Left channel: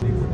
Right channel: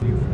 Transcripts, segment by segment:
people.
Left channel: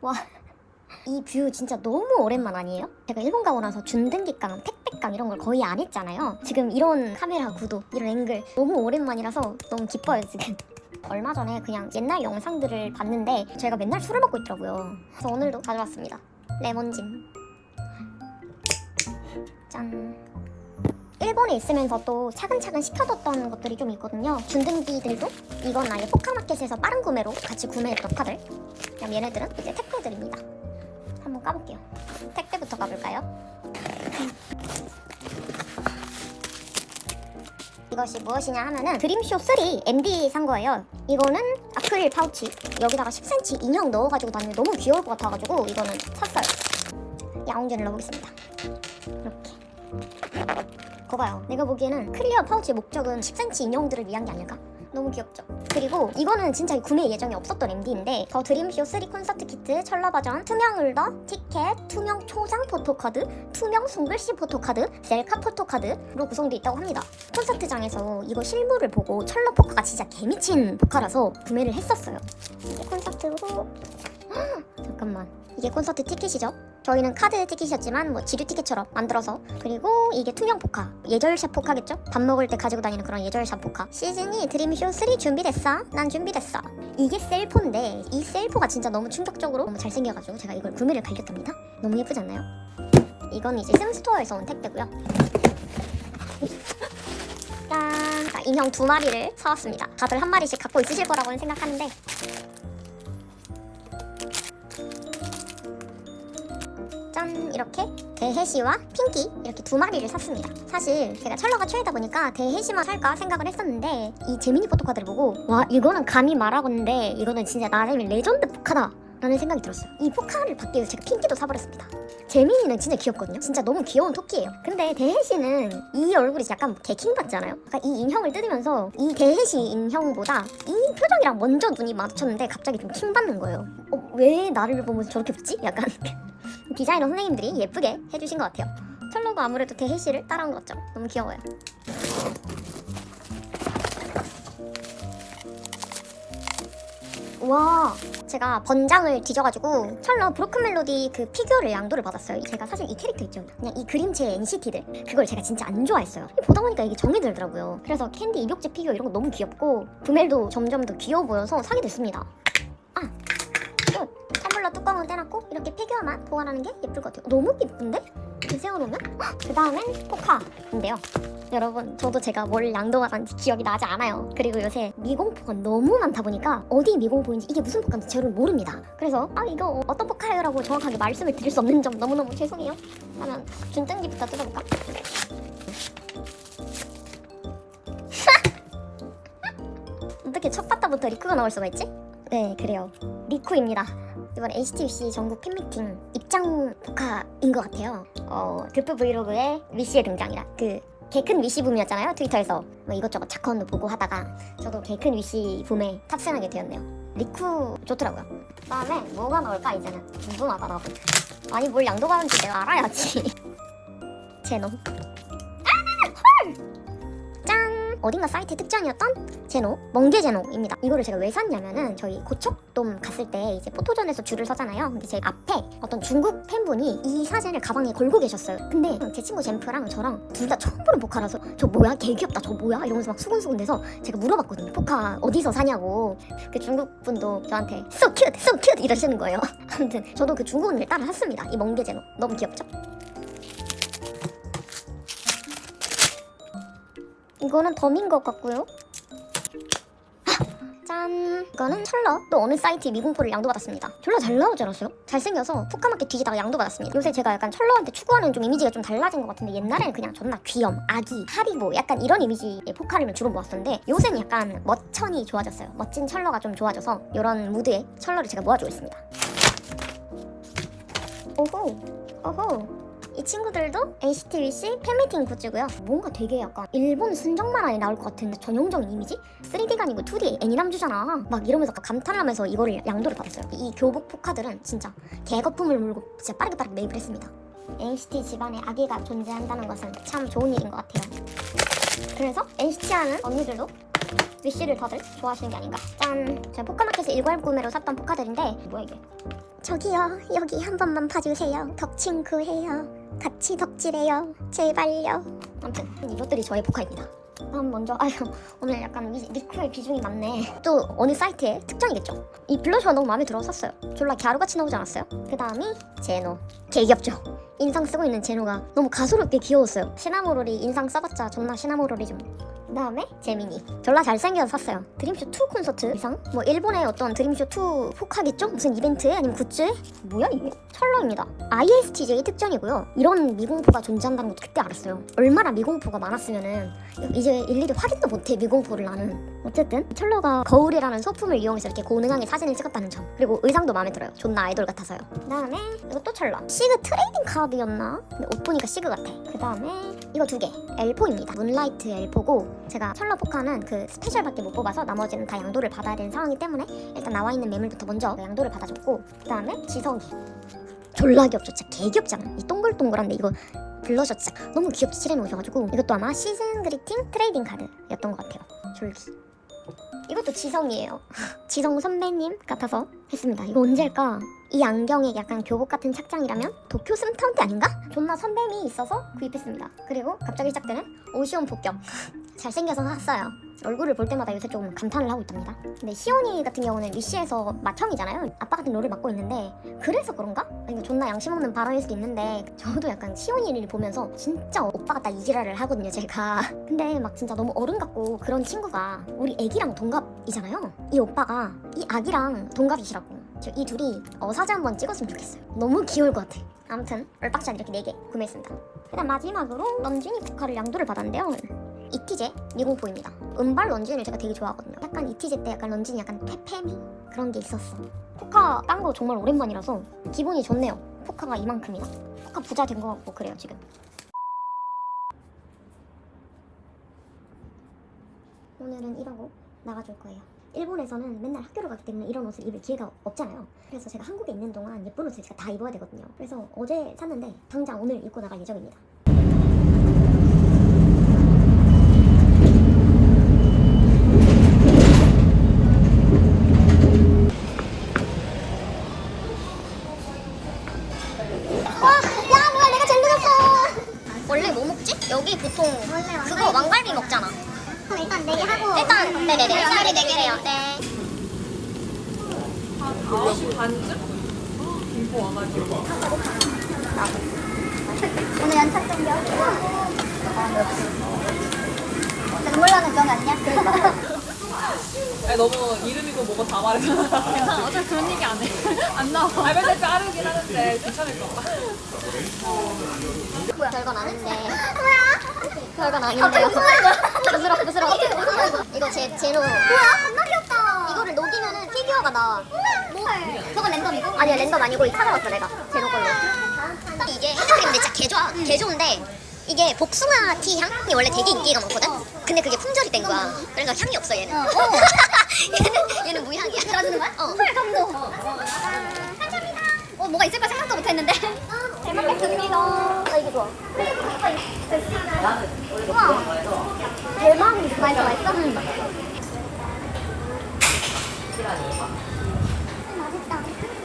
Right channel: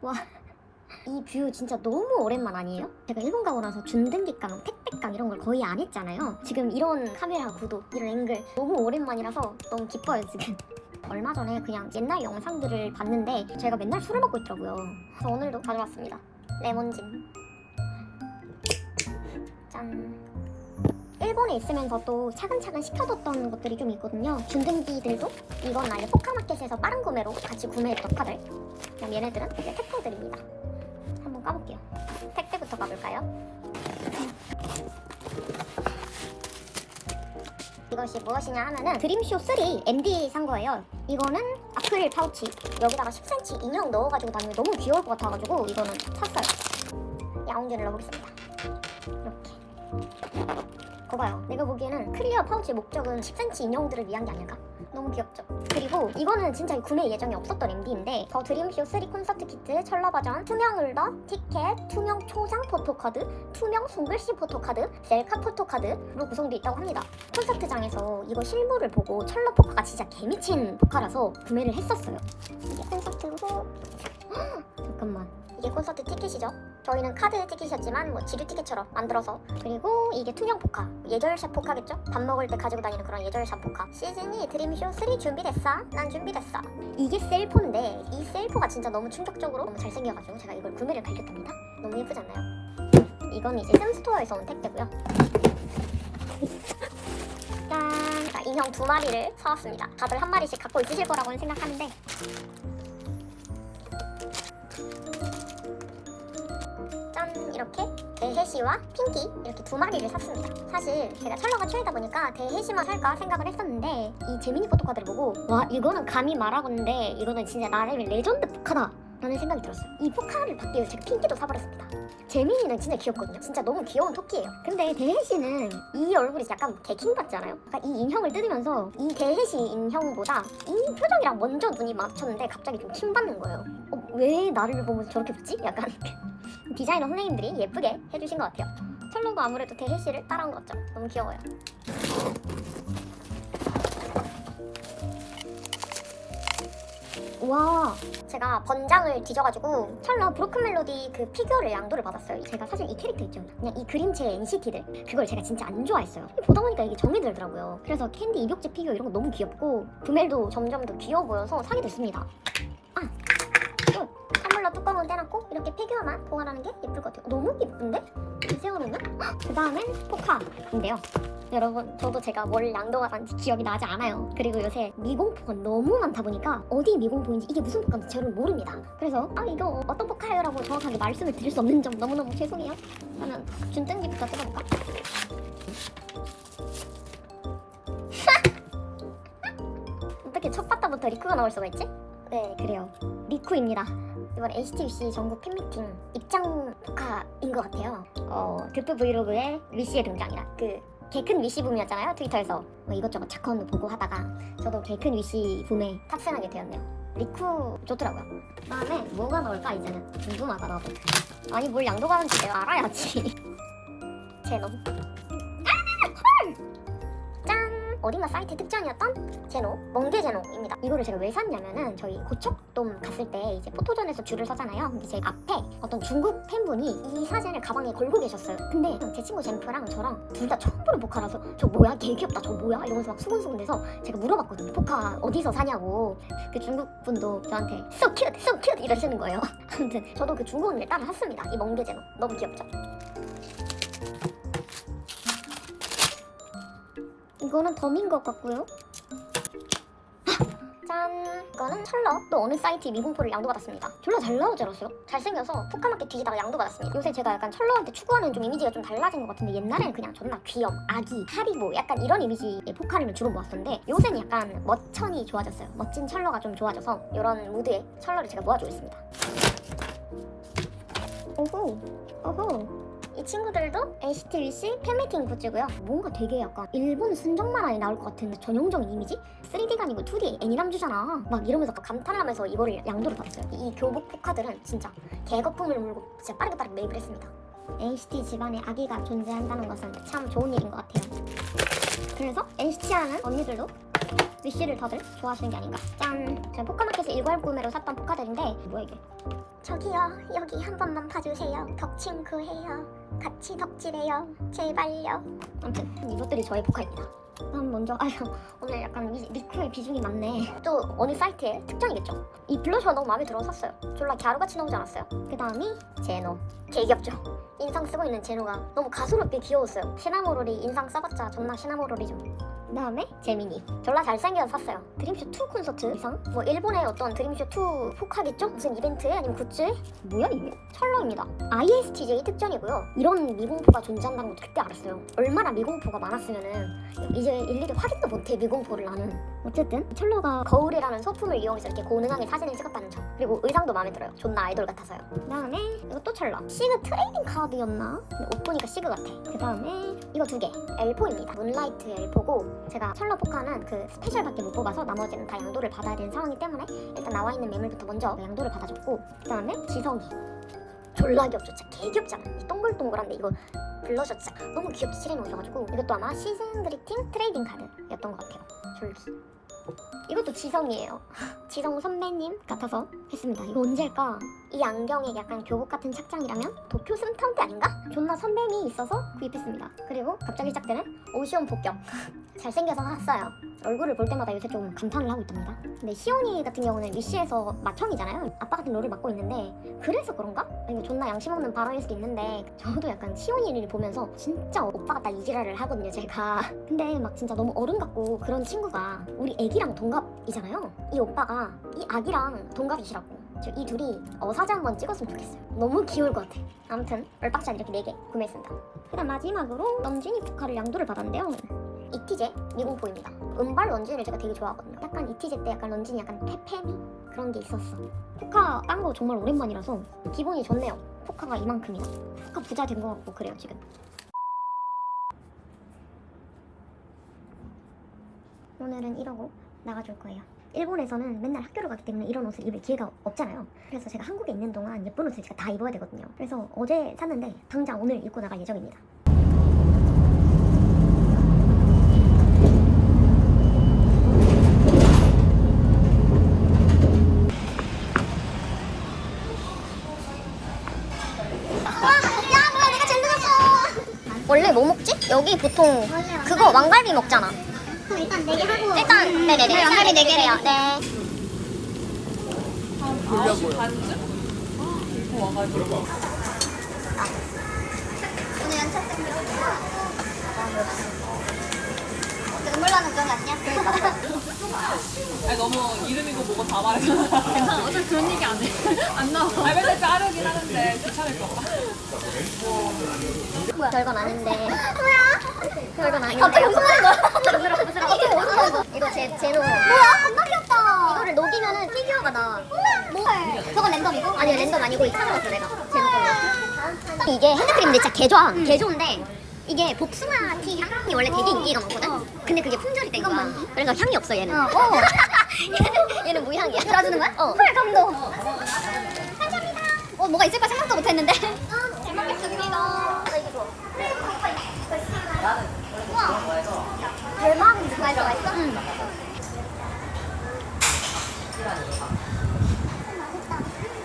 와. 이 뷰 진짜 너무 오랜만 아니에요? 제가 일본 가고 나서 준등기강, 택배강 이런 걸 거의 안 했잖아요. 지금 이런 카메라 구도, 이런 앵글 너무 오랜만이라서 너무 기뻐요 지금. 얼마 전에 그냥 옛날 영상들을 봤는데 제가 맨날 술을 먹고 있더라고요. 그래서 오늘도 가져왔습니다. 레몬진. 일본에 있으면서 또 차근차근 시켜뒀던 것들이 좀 있거든요. 준등기들도 이건 아예 포카마켓에서 빠른 구매로 같이 구매했던 카들. 그럼 얘네들은 이제 택배들입니다. 한번 까볼게요. 택배부터 까볼까요? 이것이 무엇이냐 하면은 드림쇼 3 MD 산 거예요. 이거는 아크릴 파우치 여기다가 10cm 인형 넣어가지고 다니면 너무 귀여울 것 같아가지고 이거는 샀어요. 야옹전을 넣어보겠습니다. 이렇게. 거봐요. 내가 보기에는 클리어 파우치 목적은 10cm 인형들을 위한 게 아닐까? 너무 귀엽죠? 그리고 이거는 진짜 구매 예정이 없었던 MD인데 더 드림쇼 3 콘서트 키트 철러 버전 투명 울더 티켓 투명 초장 포토카드 투명 손글씨 포토카드 셀카 포토카드로 구성되어 있다고 합니다 콘서트장에서 이거 실물을 보고 철러 포카가 진짜 개미친 포카라서 구매를 했었어요 이게 콘서트고 잠깐만 이게 콘서트 티켓이죠 저희는 카드 티켓이었지만 뭐 지류 티켓처럼 만들어서 그리고 이게 투명 포카 예절샷 포카겠죠? 밥 먹을 때 가지고 다니는 그런 예절샷 포카 시즈니 드림쇼 3 준비됐어? 난 준비됐어 이게 셀포인데 이 셀포가 진짜 너무 충격적으로 너무 잘생겨가지고 제가 이걸 구매를 갈겼답니다 너무 예쁘지 않나요? 이건 이제 슴스토어에서 온 택배고요 짠 아, 인형 두 마리를 사왔습니다 다들 한 마리씩 갖고 있으실 거라고는 생각하는데 대해시와 핑키 이렇게 두 마리를 샀습니다. 사실 제가 찰러가 최애다 보니까 대해시만 살까 생각을 했었는데 이 재미니 포토카드를 보고 와 이거는 감히 말하고는데 이거는 진짜 나름의 레전드 포카다. 라는 생각이 들었어요. 이 포카를 받기 위해서 제가 핑키도 사버렸습니다. 재민이는 진짜 귀엽거든요. 진짜 너무 귀여운 토끼예요. 근데 대해시는 이 얼굴이 약간 개킹 같잖아요. 그러니까 이 인형을 뜯으면서 이 대해시 인형보다 이 표정이랑 먼저 눈이 마주쳤는데 갑자기 좀 킹받는 거예요. 어, 왜 나를 보면서 저렇게 웃지? 약간 디자이너 선생님들이 예쁘게 해주신 것 같아요. 철로도 아무래도 대해시를 따라온 것 같죠? 너무 귀여워요. 와 제가 번장을 뒤져가지고 철로 브로큰 멜로디 그 피규어를 양도를 받았어요. 제가 사실 이 캐릭터 있죠. 그냥 이 그림체 NCT들 그걸 제가 진짜 안 좋아했어요. 보다 보니까 이게 정이 들더라고요. 그래서 캔디 입욕제 피규어 이런 거 너무 귀엽고 부멜도 점점 더 귀여워 보여서 사게 됐습니다. 아, 또 텀블러 뚜껑을 떼놓고 이렇게 피규어만 보관하는 게 예쁠 것 같아요. 너무 예쁜데? 세워놓으면? 그 다음엔 포카인데요. 여러분 저도 제가 뭘 양도받았는지 기억이 나지 않아요 그리고 요새 미공포가 너무 많다 보니까 어디 미공포인지 이게 무슨 포카인지 저는 모릅니다 그래서 아 이거 어떤 포카예요 라고 정확하게 말씀을 드릴 수 없는 점 너무너무 죄송해요 하면 준등기부터 뜯어볼까? 어떻게 첫 바다부터 리쿠가 나올 수가 있지? 네 그래요 리쿠입니다 이번 HTC 전국 팬미팅 입장 포카인 것 같아요. 어 드프 브이로그에 위시의 등장이라. 그 개큰 위시 붐이었잖아요 트위터에서. 뭐 이것저것 자컨도 보고 하다가 저도 개큰 위시 붐에 탑승하게 되었네요. 리쿠 좋더라고요. 그 다음에 뭐가 나올까 이제는? 궁금하다 나도. 아니 뭘 양도가는지 내가 알아야지. 제노 어딘가 사이트 특전이었던 제노 멍게 제노입니다. 이거를 제가 왜 샀냐면은 저희 고척돔 갔을 때 이제 포토전에서 줄을 서잖아요. 근데 제 앞에 어떤 중국 팬분이 이 사진을 가방에 걸고 계셨어요. 근데 제 친구 젠프랑 저랑 둘 다 처음 보는 포카라서 저 뭐야? 개 귀엽다. 저 뭐야? 이러면서 막 수근수근대서 제가 물어봤거든요. 포카 어디서 사냐고. 그 중국 분도 저한테 so cute so cute 이러시는 거예요. 아무튼 저도 그 중국인을 따라 샀습니다. 이 멍게 제노. 너무 귀엽죠 이거는 덤인 것 같고요. 짠! 이거는 찰러 또 어느 사이트 미공포를 양도받았습니다. 졸라 잘 나오지 않았어요? 잘생겨서 푸카마켓 뒤지다가 양도받았습니다. 요새 제가 약간 찰러한테 추구하는 좀 이미지가 좀 달라진 것 같은데 옛날에는 그냥 존나 귀염, 아기, 하리보 약간 이런 이미지의 포카를 주로 모았었는데 요새는 약간 멋천이 좋아졌어요. 멋진 찰러가 좀 좋아져서 이런 무드의 찰러를 제가 모아주고 있습니다. 오호! 오호! 이 친구들도 HTBC 팬미팅 굿즈고요. 뭔가 되게 약간 일본 순정 만화에 나올 것 같은 전형적인 이미지? 3D가 아니고 2D 애니남주잖아. 막 이러면서 감탄하면서 이거를 양도를 받았어요. 이 교복 포카들은 진짜 개거품을 물고 진짜 빠르게 매입을 했습니다. NCT 집안에 아기가 존재한다는 것은 참 좋은 일인 것 같아요. 그래서 NCT 하는 언니들도 위시를 다들 좋아하시는 게 아닌가. 짠! 제가 포카마켓에서 일괄 구매로 샀던 포카들인데 뭐야 이게? 저기요 여기 한 번만 봐주세요 덕친구 해요 같이 덕질해요. 제발요. 아무튼 이것들이 저의 포카입니다. 다음 먼저 아유 오늘 약간 리- 리크의 비중이 많네. 또 어느 사이트의 특징이겠죠. 이 블러셔가 너무 마음에 들어서 샀어요. 졸라 갸루같이 나오지 않았어요? 그 다음이 제노. 개 귀엽죠. 인상 쓰고 있는 제노가 너무 가소롭게 귀여웠어요. 시나모롤이 인상 써봤자 존나 시나모롤이죠 그 다음에 제미니. 졸라 잘생겨서 샀어요. 드림쇼 2 콘서트 이상? 뭐 일본의 어떤 드림쇼 2 포카겠죠? 무슨 이벤트에 아니면 굿즈에? 뭐야 이게? 철러입니다. ISTJ의 특징이고요. 이런 미공포가 존재한다는 것도 그때 알았어요. 얼마나 미공포가 많았으면은 이제 일일이 확인도 못해 미공포를 나는 어쨌든 철러가 거울이라는 소품을 이용해서 이렇게 고능하게 사진을 찍었다는 점 그리고 의상도 마음에 들어요. 존나 아이돌 같아서요. 그 다음에 이거 또 철러 시그 트레이딩 카드였나? 근데 옷 보니까 시그 같아. 그 다음에 이거 두개. 엘포입니다. 문라이트 엘포고 제가 철러 포카는 그 스페셜밖에 못 뽑아서 나머지는 다 양도를 받아야 되는 상황이기 때문에 일단 나와 있는 매물부터 먼저 양도를 받아줬고 그 다음에 지성이. 졸라 귀엽죠. 진짜 개 귀엽지 않아? 이 동글동글한데 이거 블러셔 진짜 너무 귀엽게 칠해 놓으셔가지고 이것도 아마 시즌 그리팅 트레이딩 카드였던 것 같아요. 졸기 이것도 지성이에요 지성 선배님 같아서 했습니다 이거 언제일까? 이 안경이 약간 교복 같은 착장이라면 도쿄 스타운 때 아닌가? 존나 선배미 있어서 구입했습니다 그리고 갑자기 시작되는 오시온 복격 잘생겨서 샀어요. 얼굴을 볼 때마다 요새 좀 감탄을 하고 있답니다. 근데 시온이 같은 경우는 위시에서 맏형이잖아요. 아빠 같은 롤을 맡고 있는데 그래서 그런가? 이거 존나 양심 없는 발언일 수도 있는데 저도 약간 시온이를 보면서 진짜 오빠 같다 이지랄을 하거든요 제가. 근데 막 진짜 너무 어른 같고 그런 친구가 우리 애기랑 동갑이잖아요. 이 오빠가 이 아기랑 동갑이시라고. 저이 둘이 어, 사진 한번 찍었으면 좋겠어요. 너무 귀여울 것 같아. 아무튼 얼박샷 이렇게 4개 구매했습니다. 그다음 마지막으로 런쥔이 포카를 양도를 받았는데요 이티제 미공포입니다. 은발 런쥔을 제가 되게 좋아하거든요. 약간 이티제 때 약간 런쥔이 약간 페페미 그런 게 있었어. 포카 딴 거 정말 오랜만이라서 기분이 좋네요. 포카가 이만큼이나. 포카 부자 된거 같고 그래요 지금. 오늘은 이러고 나가줄 거예요. 일본에서는 맨날 학교를 가기 때문에 이런 옷을 입을 기회가 없잖아요. 그래서 제가 한국에 있는 동안 예쁜 옷을 제가 다 입어야 되거든요. 그래서 어제 샀는데 당장 오늘 입고 나갈 예정입니다 야 뭐야 내가 제일 늦었어 원래 뭐 먹지? 여기 보통 그거 왕갈비 먹잖아. 그럼 일단 내기 하고 일단 네네네. 일단 네개 주세요. 네. 오늘 연착 준비 눈물 나는 건 아니야? 아니 너무 이름이고 뭐고 다 말해서. 괜찮아. 어차피 그런 얘기 안 해. 안 나와. 아 맨날 자르긴 하는데 괜찮을까 봐 별건 아닌데. 별건 아닌데. 갑자기 부스러 부스러 이거 제 제로 뭐야 안 이거를 녹이면은 피규어가 나헐 저건 랜덤이고? 아니야 랜덤 아니고 사먹었어 내가. 제로 걸로 이게 핸드크림인데 진짜 개 좋아. 개 좋은데 이게 복숭아 티 향이 원래 되게 인기가 많거든? 근데 그게 품절이 된 거야. 그러니까 향이 없어 얘는. 어, 어. 얘는, 얘는 무향이야. 놔주는 거야? 어. 헐 감동 어 뭐가 있을까 생각도 못 했는데 아 이거 좋아 우와 대박 맛있어 맛있어? 응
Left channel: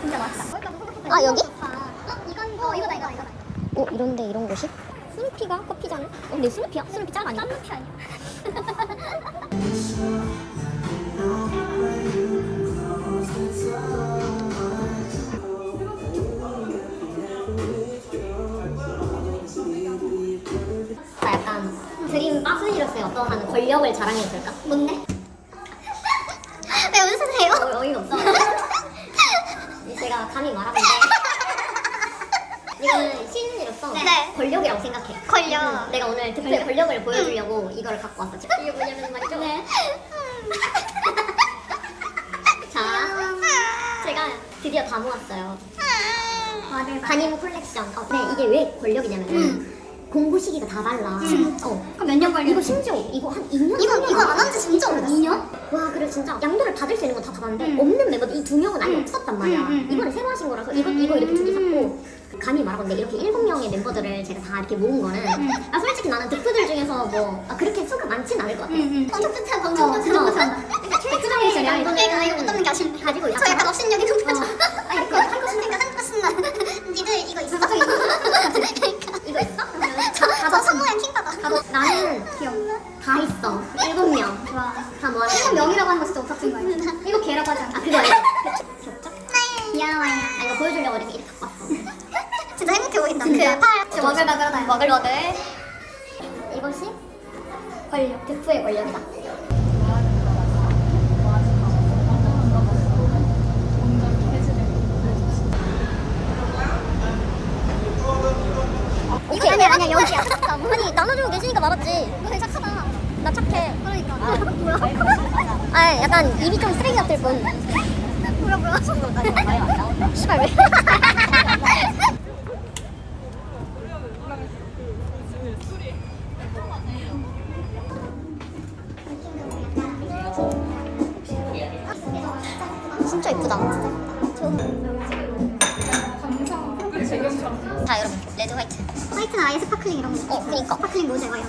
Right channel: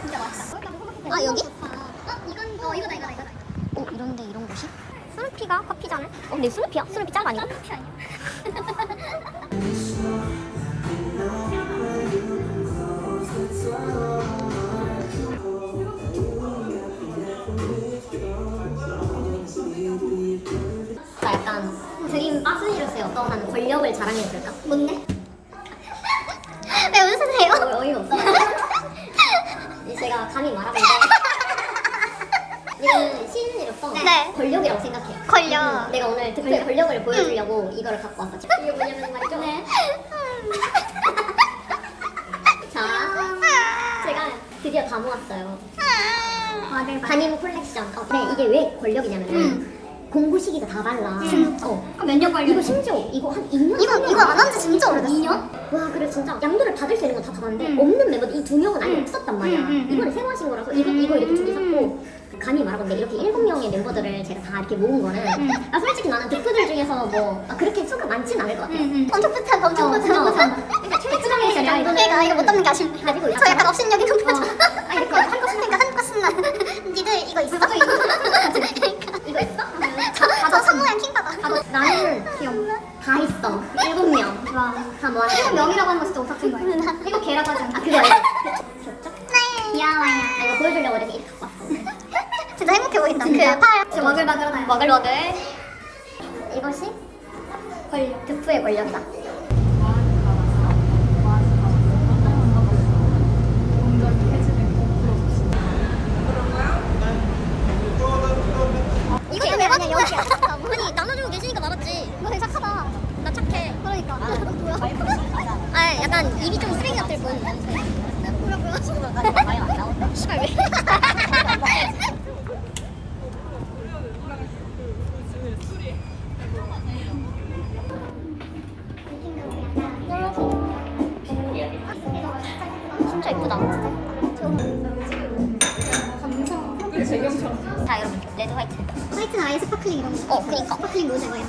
진짜 맛있다 아, 여기? 어어 이거다 이거다 이거다 어 이런데 이런 곳이? 스누피가 커피잖아 어 근데 스누피야? 스누피 짤 아니야? 커피 아니야? 빠스니로서의 어떠한 권력을 자랑해도 될까? 뭔데? 왜 웃으세요? 어, 어이가 없어 제가 감히 말하는데 이거는 시즌이로서 네. 권력이라고 생각해 권력. 음, 내가 오늘 특별히 권력을 보여주려고 이거를 갖고 왔어 이게 뭐냐면 말이죠 네. 자 제가 드디어 다 모았어요 맞아요. 담임 콜렉션. 어, 네, 이게 왜 권력이냐면은 공부 시기가 다 달라. 진짜? 어. 몇년 걸려? 이거 심지어 이거 한 2년? 이거 이거 안 한지 진짜 오래됐어. 2년? 와 그래 진짜 양도를 받을 수 있는 건 다 받았는데 음. 없는 멤버들 이 두 명은 아예 음. 없었단 말이야 음, 음, 음. 이번에 새로 하신 거라서 이거 이거 이렇게 두 개 샀고 감히 말하건데 이렇게 일곱 명의 멤버들을 제가 다 이렇게 모은 거는 음. 아 솔직히 나는 득프들 중에서 뭐 아, 그렇게 수가 많진 않을 것 같아요 엄청 뿌듯한 엄청 어, 뿌듯한 어. 그러니까 최초의 정도는 내가 이거 못 담는 게 아쉽네 가지고 있어. 저 약간 업신여기 높아져 아 이렇게 한국 신나가 한국 신나 니들 이거 있어? 이거 있어? 저 성모양 킹받아 나는 다 있어. 일곱 명. 와 다 모아놨어 일곱 명이라고 하는 거 진짜 오타친 거야. 이거 개라 가져 아 그거 알지? 귀엽죠? 네. 귀여워요 아 이거 보여주려고 이렇게 이렇게 갖고 왔어. 진짜 행복해 보인다. 진짜? 그팔. 지금 머글머글하다 머글머글 이것이? 왜 맞는 거야? 아니 나눠주고 계시니까 말았지 나 착해. 그러니까. 아 약간 입이 좀 쓰레기 같을 뿐. 씨발 왜? 진짜 예쁘다. 자 여러분 레드 화이트. 화이트는 아예 스파클링 이런 거. 어 그니까. 스파클링 로제 막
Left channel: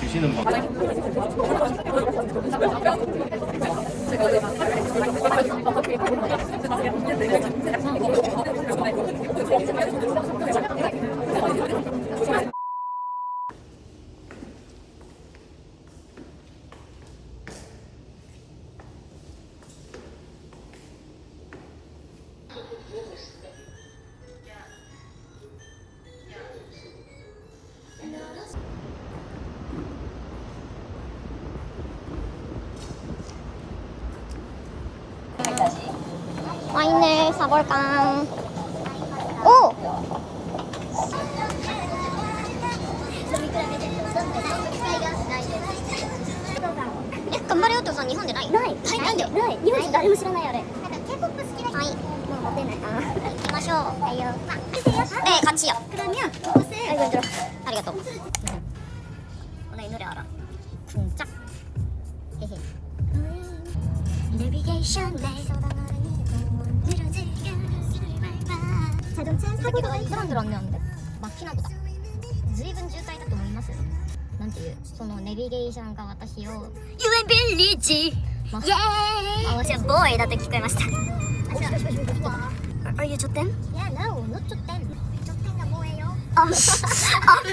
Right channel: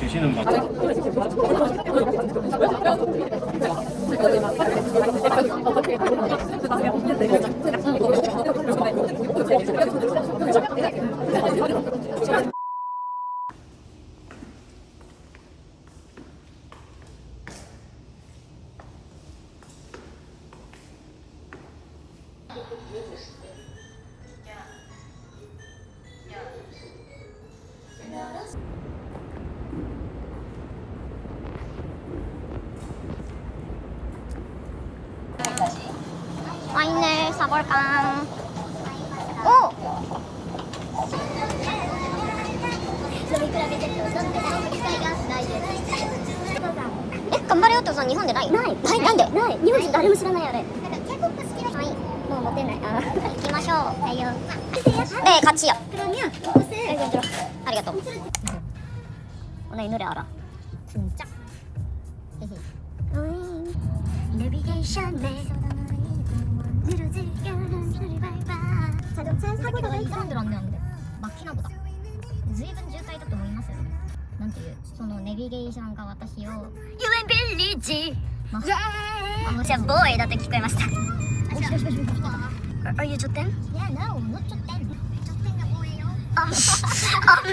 드시는 방 行きましょうっていうまあ 네 같이요 그러면 이것을 아리가또 나 이 노래 알아 쿵짝 헤헤 내비게이션에 자동차 사고도 이 사람들 안 내는데 막히나 보다 随分渋滞だと思いますよなんていうそのネビゲーションが私を You ain't been rich ま Yeah あ私はボーイだって聞こえました Are you Jotten? Yeah, no, not Jotten. Jotten na boy, yo. Um, um,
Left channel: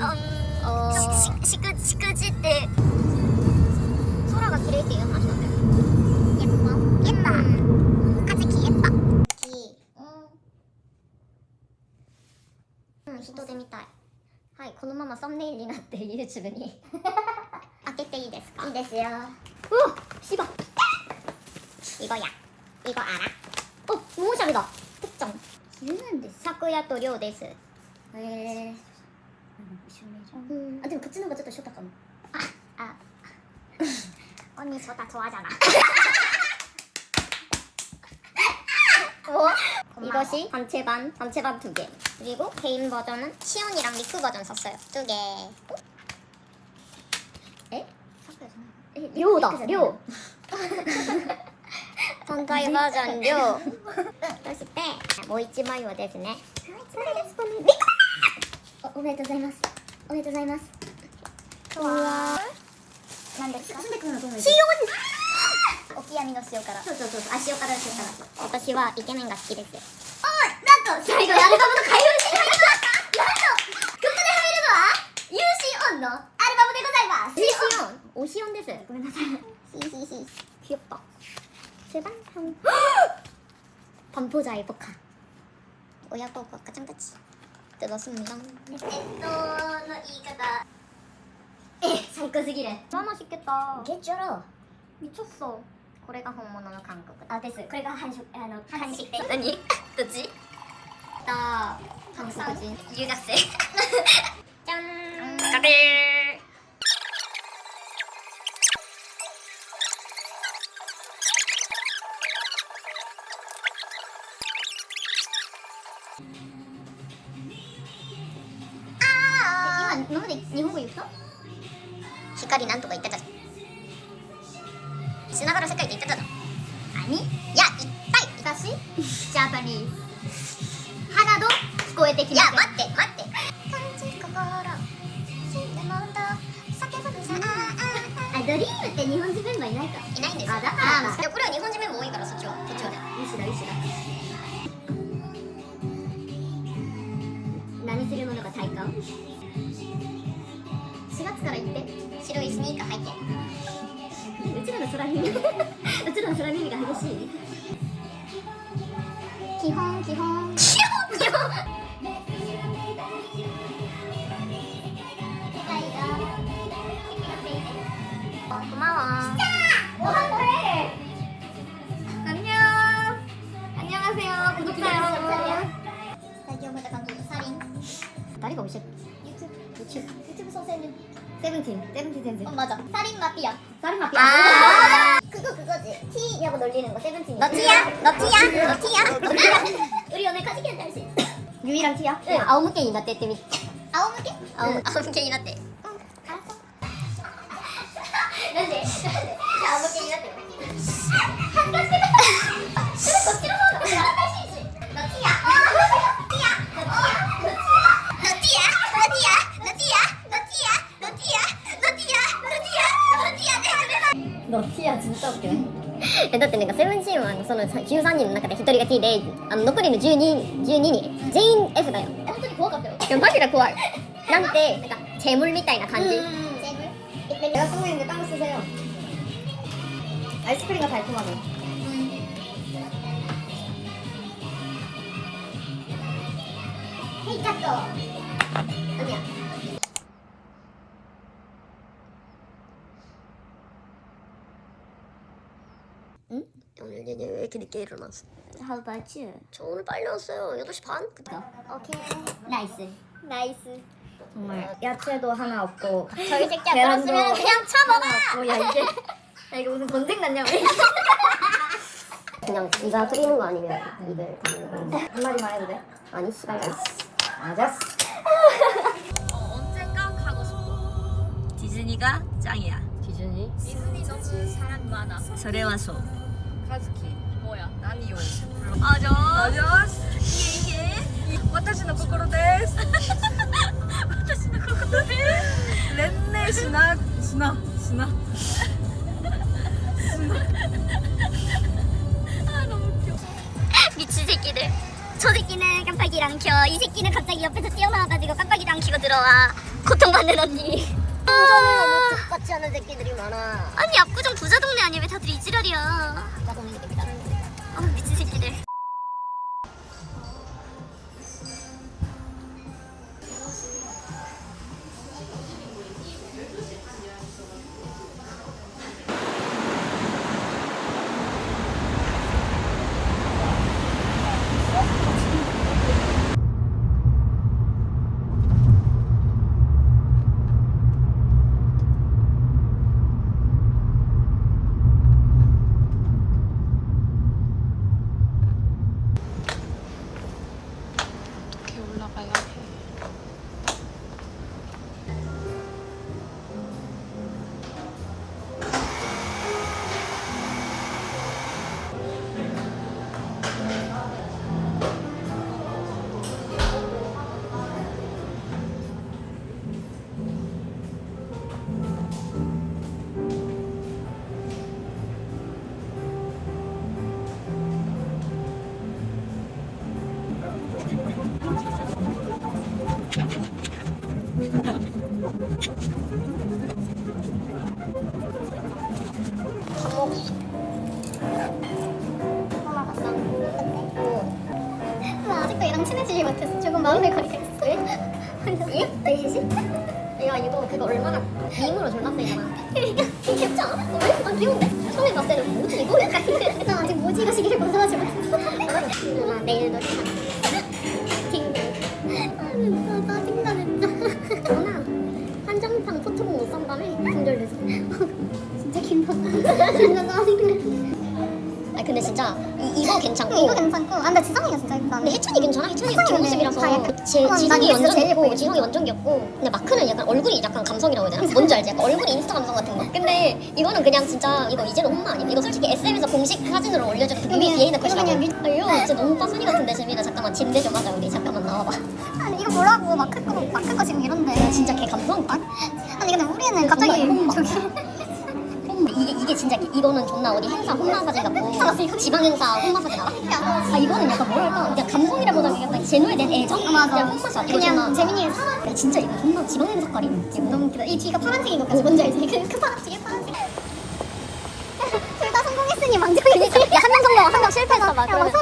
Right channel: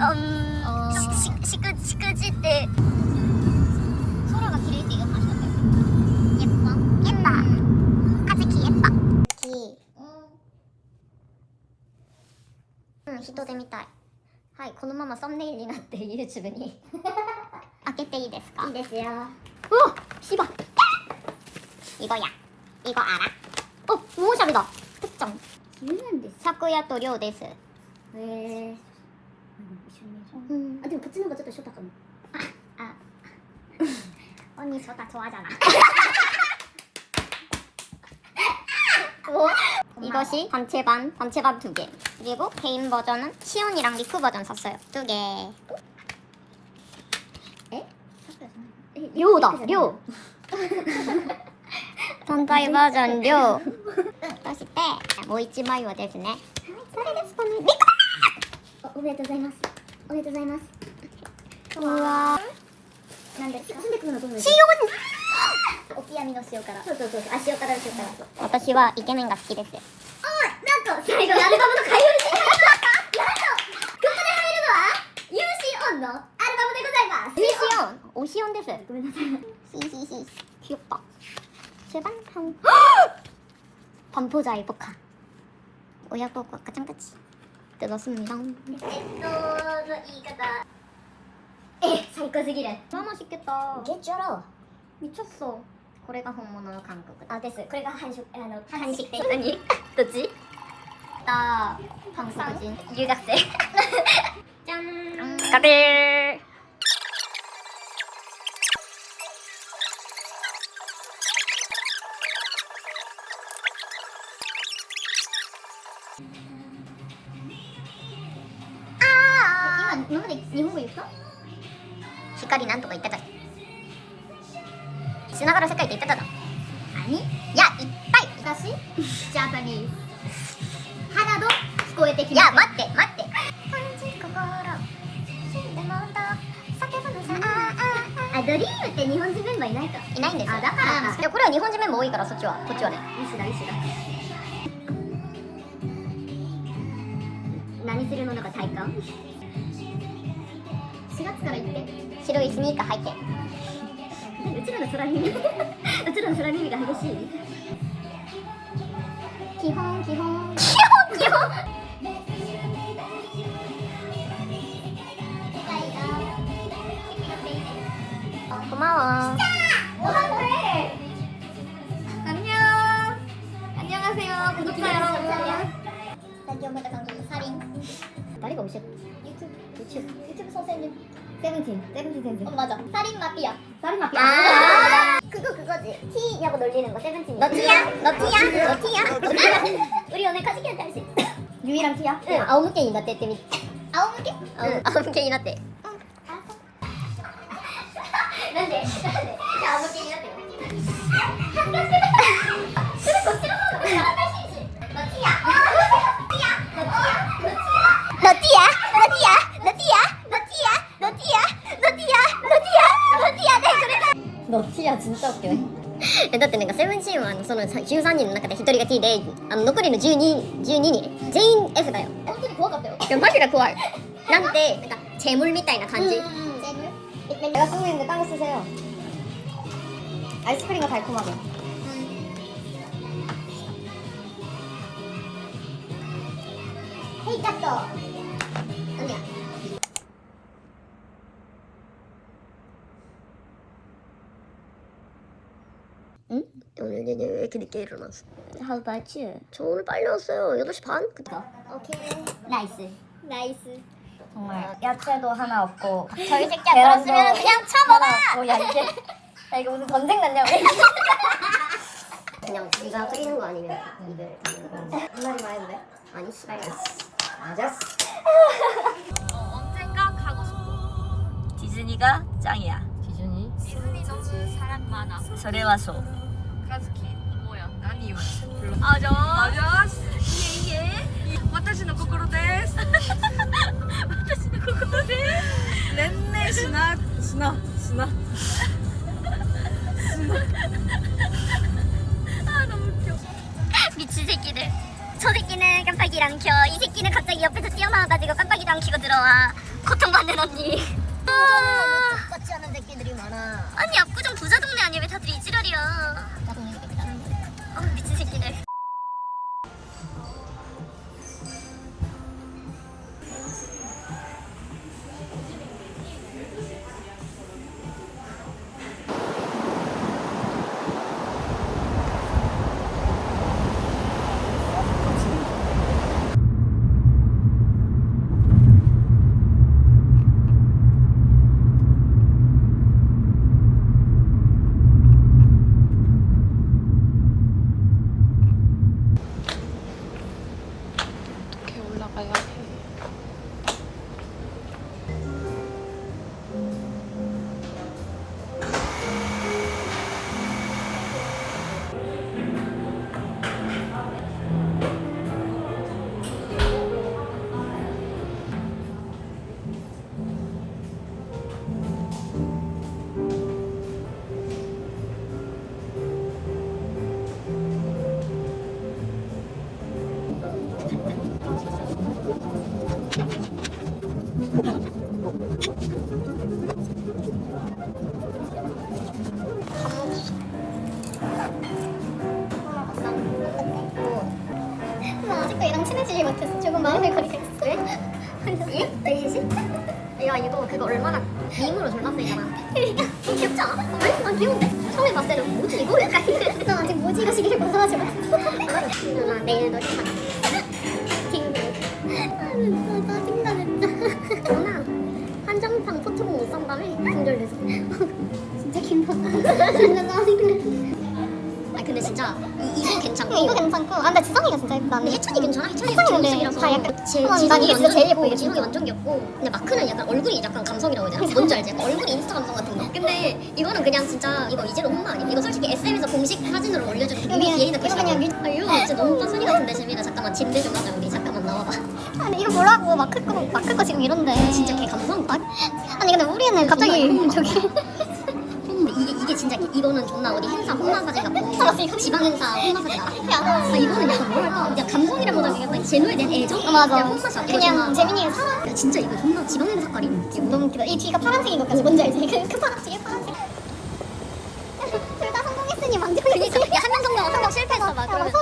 um, um, ししくしくじって空がっていう。き。うん、人で見たい。はい、このままサムネイルになって YouTube に。開けていいですかいいですよ。うわ、しば。いや。いごあら。 오션다 특정 기는데 사쿠야토 료데스 왜 음. 아, 근데 붙이는 거 진짜 싫다 깜. 아, 아. 언니 저 다 좋아하잖아. 뭐? 오, 이것이 단체반, 단체반 두 개. 그리고 개인 버전은 시온이랑 리쿠 버전 샀어요. 두 개. 에? 료다, 료. 今回バージョン量そしてもう一枚はですね。はいそれですこのおめでとうございます。おめでとうございます。うわなんですか？進んでくのはどうですか？おきやみの塩辛。そうそうそうそうあ塩辛塩辛。私はイケメンが好きです。おなんと最後にアルバムの開封してまいりなんと曲で入るのは UC オンのアルバムでございます。UC オン。オシオンです。ごめんなさい。 반포자 이복함 오야고 어, 아까 짱같이 뜯었습니다 이거다 에! 잠깐쓰기래. 너무 맛있겠다. 개쩔어. 미쳤어. 고래가 호모노 강국 아 됐어 고래가 한식 아, 한식. 아니 뭐지? 나 방송국인 유작세 짠. 음. 까들 光なんとか言ってたじゃん。つながる世界って言ってたじゃん何？いやいっぱい。私？ジャパニーズ花ど聞こえてきいまや待って待って。あドリームって日本人メンバーいないか。いないんですよ。あだから。かでこれは日本人メンバー多いからそっちは。こっちはね。石だ石だ何するのか体感？4月から行って白いスニーカー履いて。うちらの空耳。うちらの空耳が激しい。基本 基本。基本基本 세븐틴 세븐틴 선생 어 맞아 살인 마피아 쌀이 마피아 아 그거 그거지 티냐고 놀리는 거 세븐틴이 너 티야? 너 티야? 너 티야? 우리 오늘 카지키한테 할수 있어 유이랑 티야? 응. 아홉 개 이나 때때미 아홉 개? 응. 아홉 개이 났대 13人の中で1人が T であの残りの12 12人全員 F だよ本当に怖かったよいやマジで怖いなんてなんか재물みたいな感じ 내가 쓰고 있는데 딴 거 쓰세요 아이스크림가 달콤하게 헤이 짝도 아 오늘 내내 왜 이렇게 늦게 일어났어? 하루 봤지? 저 오늘 빨리 왔어요. 8시 반? 그 오케이. 나이스. 나이스. 정말 어, 야채도 하나 없고 저희 새끼야 그랬으면 그냥 참아봐. 어, 야 이제 야 이거 무슨 전쟁 났냐 우리? 그냥 네가 끓이는 거 아니면 입을 다물고. 한마디만 해도 돼? 아니 씨발. 아자스. 언젠가 가고 싶어. 디즈니가 짱이야. 디즈니? 디즈니 너무 사람 많아. 저래 와서. う 카즈키 뭐야? 난 이유해. 아저 아저 이에 이에. 私の心です。私の心です。連名しなしなしな。 아 너무 웃겨. 미친 새끼들 저 새끼는 깜빡이랑 켜이 새끼는 갑자기 옆에서 뛰어나와가지고 깜빡이랑 켜고 들어와 고통받는 언니 아, 같이 하는 새끼들이 많아 아니 압구정 부자 동네 아니야 왜 다들 이 지랄이야 이거 졸라 쓰이잖아 그러니까 귀엽지 않아? 왜? 아 귀여운데? 처음에 봤을 때는 뭐지 이거? 약간 난 아직 모지가 시기를 벗어나지 못했어 누나 내일 놀이 가자 딩동 아 짜증나 진짜 누나 한정판 포토북 못 산다며? 분절돼서 진짜 김밥 진짜 짜증나 아 근데 진짜 이, 이거 괜찮고 이거 괜찮고 아 근데 지성이가 진짜 예쁘다 근데 혜찬이 괜찮아? 제 근데 모습이라서 다 약간- 제, 어, 지성이 이거 완전 제일 예쁘고. 지성이 완전 귀엽고 근데 마크는 약간 얼굴이 약간 감성이라고 해야 되나? 뭔지 알지? 약간 얼굴이 인스타 감성 같은 거 근데 이거는 그냥 진짜 이거 이제는 혼나 아니야? 이거 솔직히 SM에서 공식 사진으로 올려준 그 뮤비 그냥- 이거 컷이라고 아 이거 진짜 너무 빠순이 같은데 재민아 잠깐만 진대 좀 하자 우리 잠깐만 나와봐 이거 뭐라고 마크 거 마크 거 지금 이런데 진짜 걔 감성 아니 근데 우리는 갑자기. 저기 이게 이게 진짜 이거는 존나 어디 행사 홈마 사진 같고. 지방 행사 홈마 사진 알아? 아 이거는 약간 뭐랄까? 그냥 감성이라보다 약간 제노에 대한 애정? 맞아. 그냥 이거 그냥 존나 재민이가 사람 야 진짜 이거 존나 지방 행사 색깔이 너무 웃기다. 이 뒤가 파란색인 것까지 뭔지 알지? 그, 그 파란 뒤에 파란색. 둘 다 성공했으니 망정 그니까. 야한 명 성공 한 명 실패했어. 막 그러면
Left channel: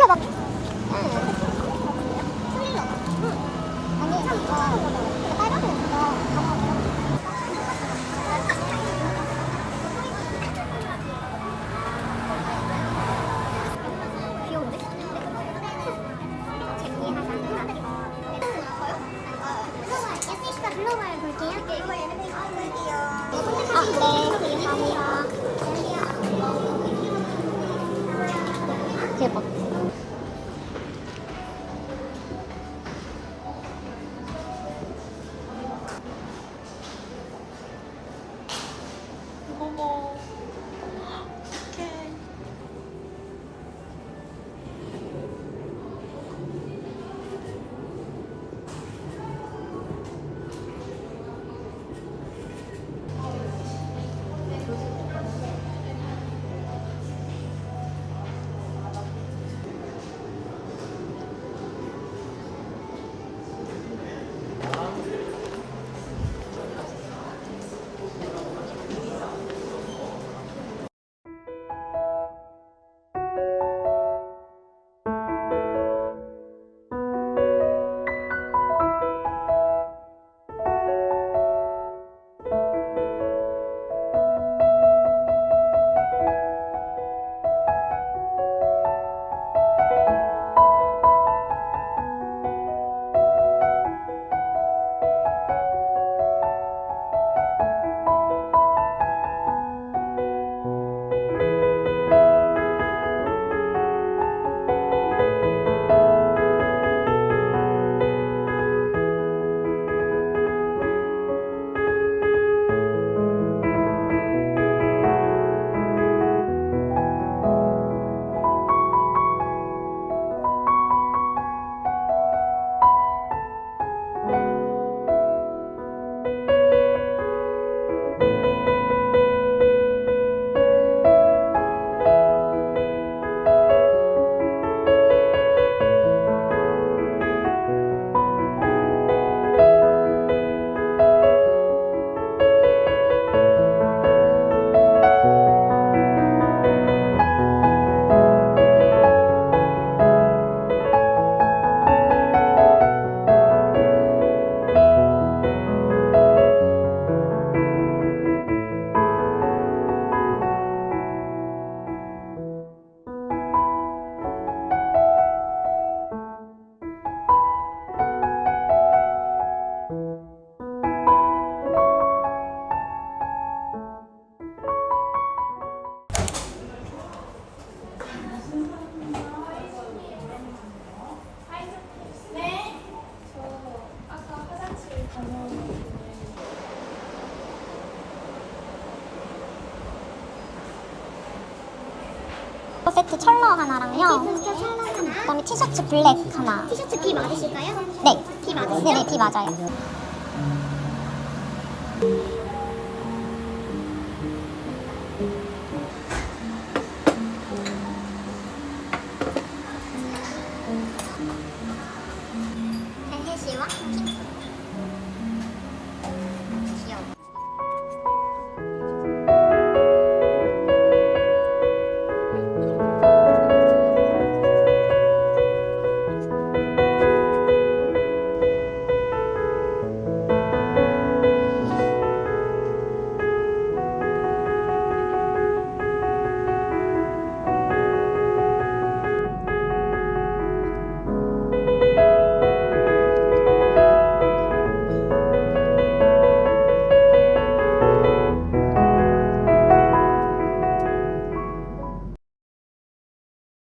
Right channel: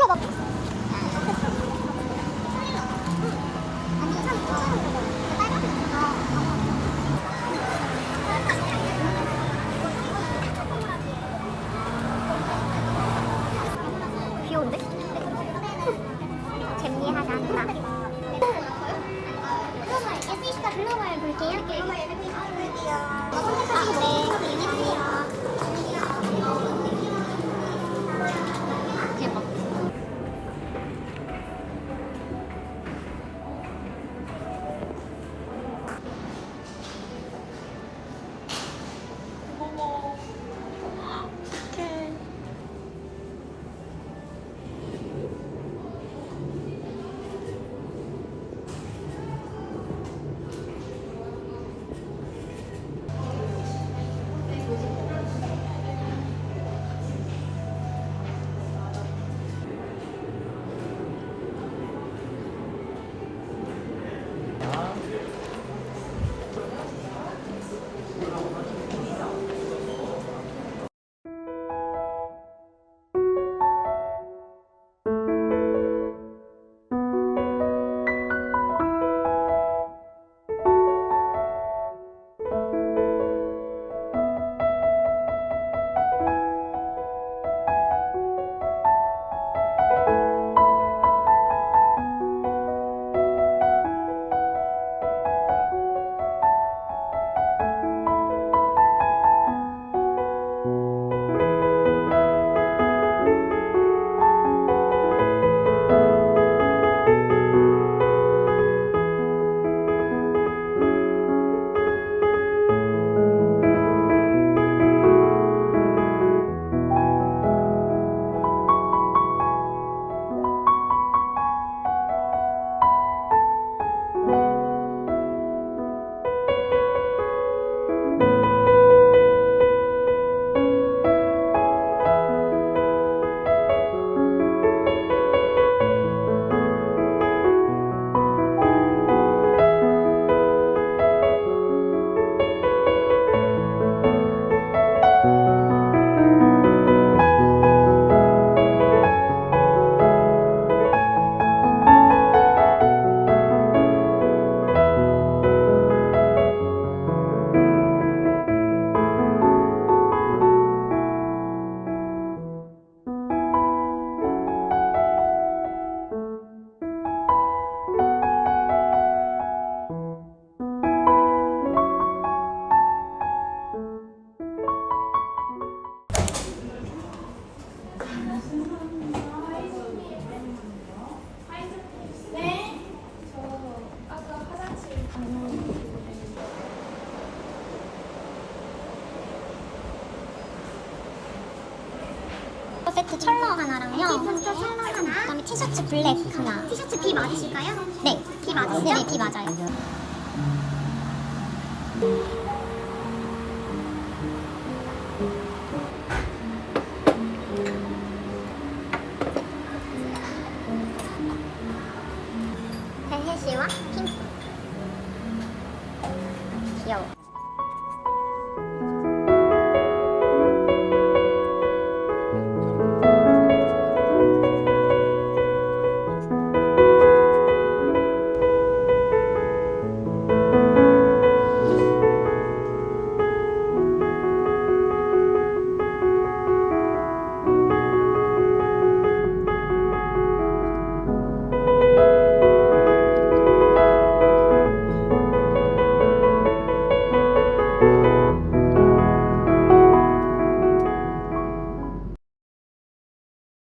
티셔츠 B 맞으실까요? 네 B 맞으세요? 네네 비 맞아요